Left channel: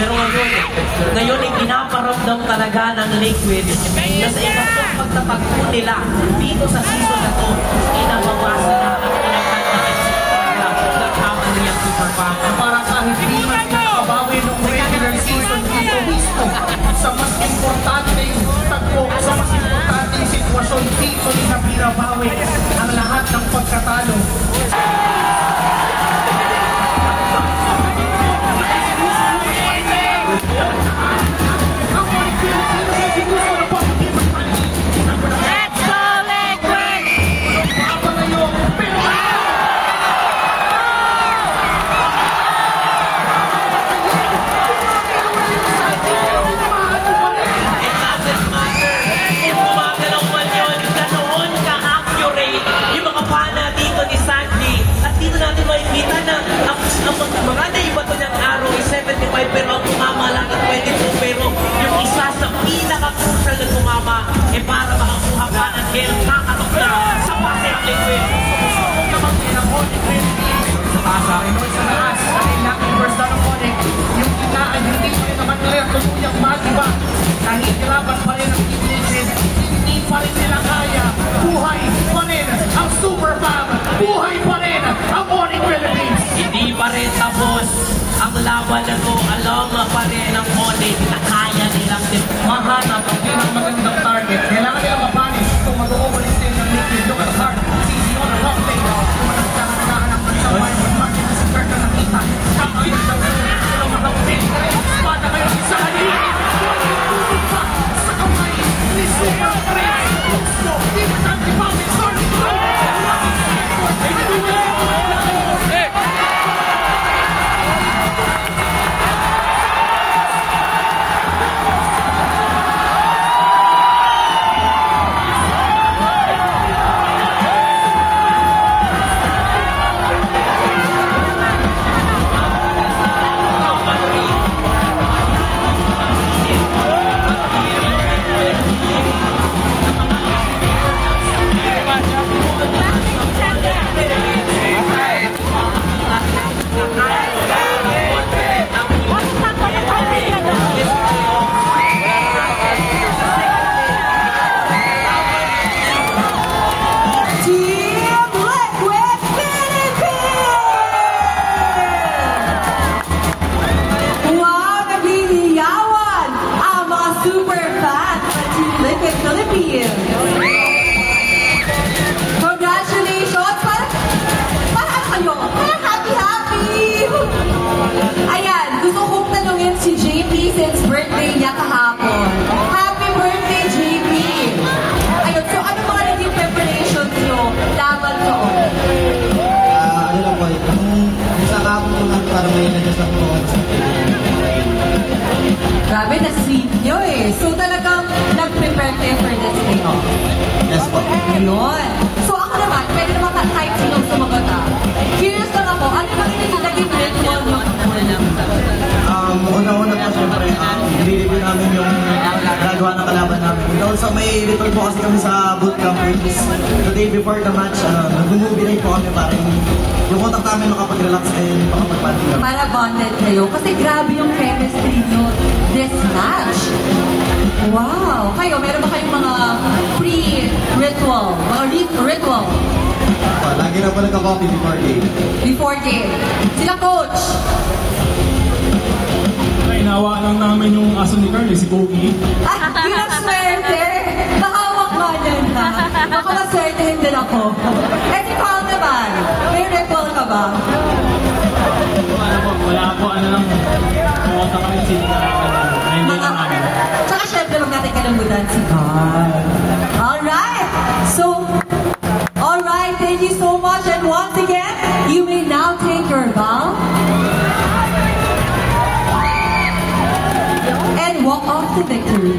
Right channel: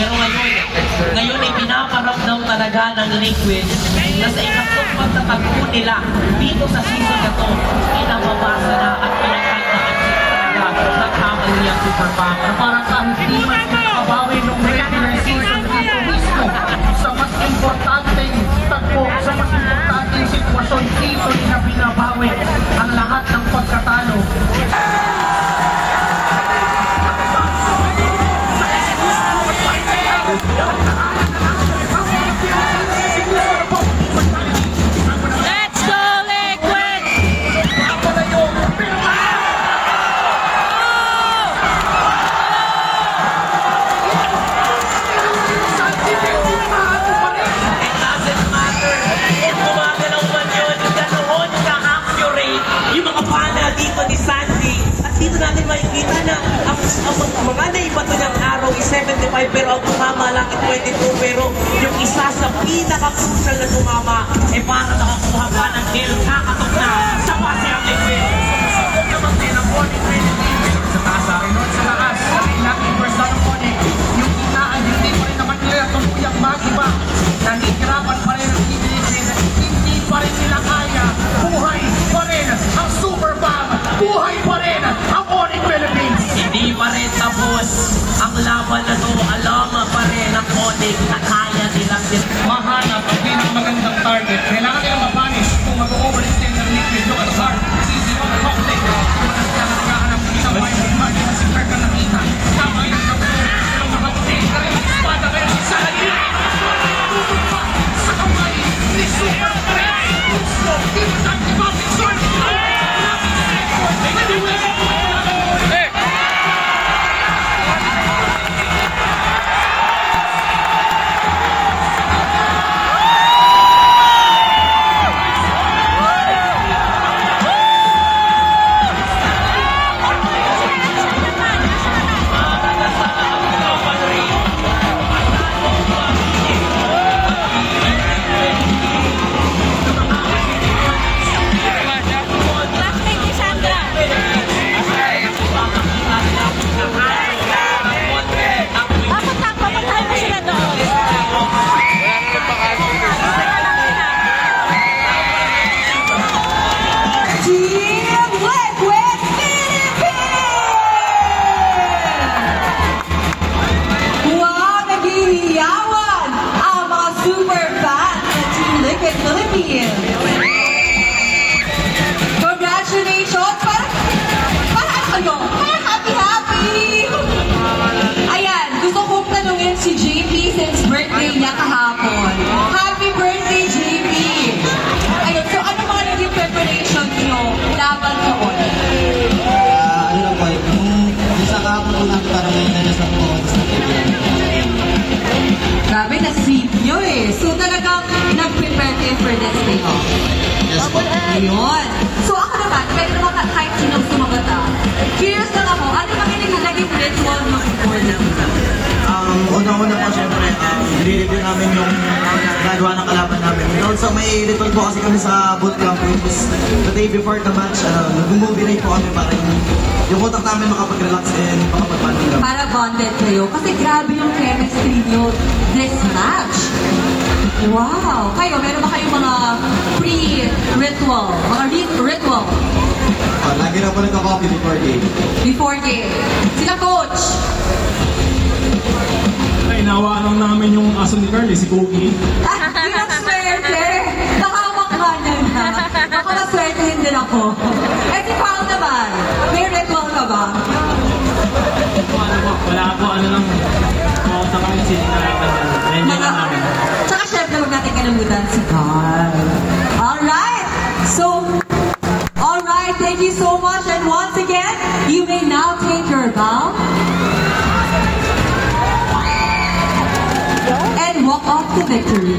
Pero ngayon ay pinaparamdam talaga ng Liquid na sa ikatlong pagtatagpo nila dito sa season na to, pinapabasa na at pinaghandakan sila ng kamaliyang Super Papa. Kahit di mas nakabawi ng regular season dito mismo sa mas importanteng tagpo, sa mas importanteng sitwasyon dito na binabawi ang lahat ng pagkatalo. Makikita na ang mga naibato ng araw ay 75 pero ang tumama lang at 22 pero yung isa sa pinaka-crucial na tumama ay para makakuha ba ng Gale kakakata sa Pacific Liquid. Sumusubok naman din ang Onyx sa taas sa rin sa taas sa ilang inverse na ng Onyx yung itaan hindi pa rin naman nila tumuyang magiba nahihirapan pa rin ang hindi pa rin nila kaya buhay pa rin ang Super Fam, buhay pa rin ang Onyx Philippines. Hindi pa rin tapos ang laban na to, alam pa rin ang Onyx na kaya nilang mahanap ang magandang target. Kailangan nilang mapanish kung mag-overlist din ng Liquid yung kasar. Sisi mo na rocklet. Nagkahanap nila why yung target na si Kirk na nakita. Kapag yung gawin na sila mag-overlist. Espada kayo isa halin. Sa kamay. Risuya pa rin. Stop. Dito sa Tipawin. Congratulations! Happy! Ayan, gusto kong tanungin si JP since birthday niya kahapon. Happy birthday, JP! Ayun, so ano mga naging preparations nyo laban ko? Ano lang po, kung isa kahapon lang para may nanasang po. Grabe, na-save nyo eh. So talagang nag-prepare kayo for this day off. Ayun. So ako naman, pwede naman kahit sinang sumagat ah. Curious lang ako, ano ba yung naging ritual nyo sa Una-una po syempre, nire-review namin yung gagawa ng kalaban namin. Also may ritual po kasi kami sa bootcamp which is the day before the match, mag-movie night po kami para yung utak namin makapag-relax and makapag-party. Para bonded kayo. Kasi grabe yung chemistry nyo this match. Wow! Kayo, meron ba kayong mga pre-ritual? Mga ritual? Lagi na po nagka-coffee before game. Before game. Sila coach! Inawaan lang namin yung aso ni Carly, si Kogi. Ilang swerte! Nakawak nga niya na. Baka maswertehin din ako. Eh si Paul naman, may ritual ka ba? Wala po, ano lang. Oo, sa kami si namin. Tsaka syempre huwag natin kalamutan si Carl. Alright! So, alright, thank you so much. And once again, you may now take your bow. And walk off to victory.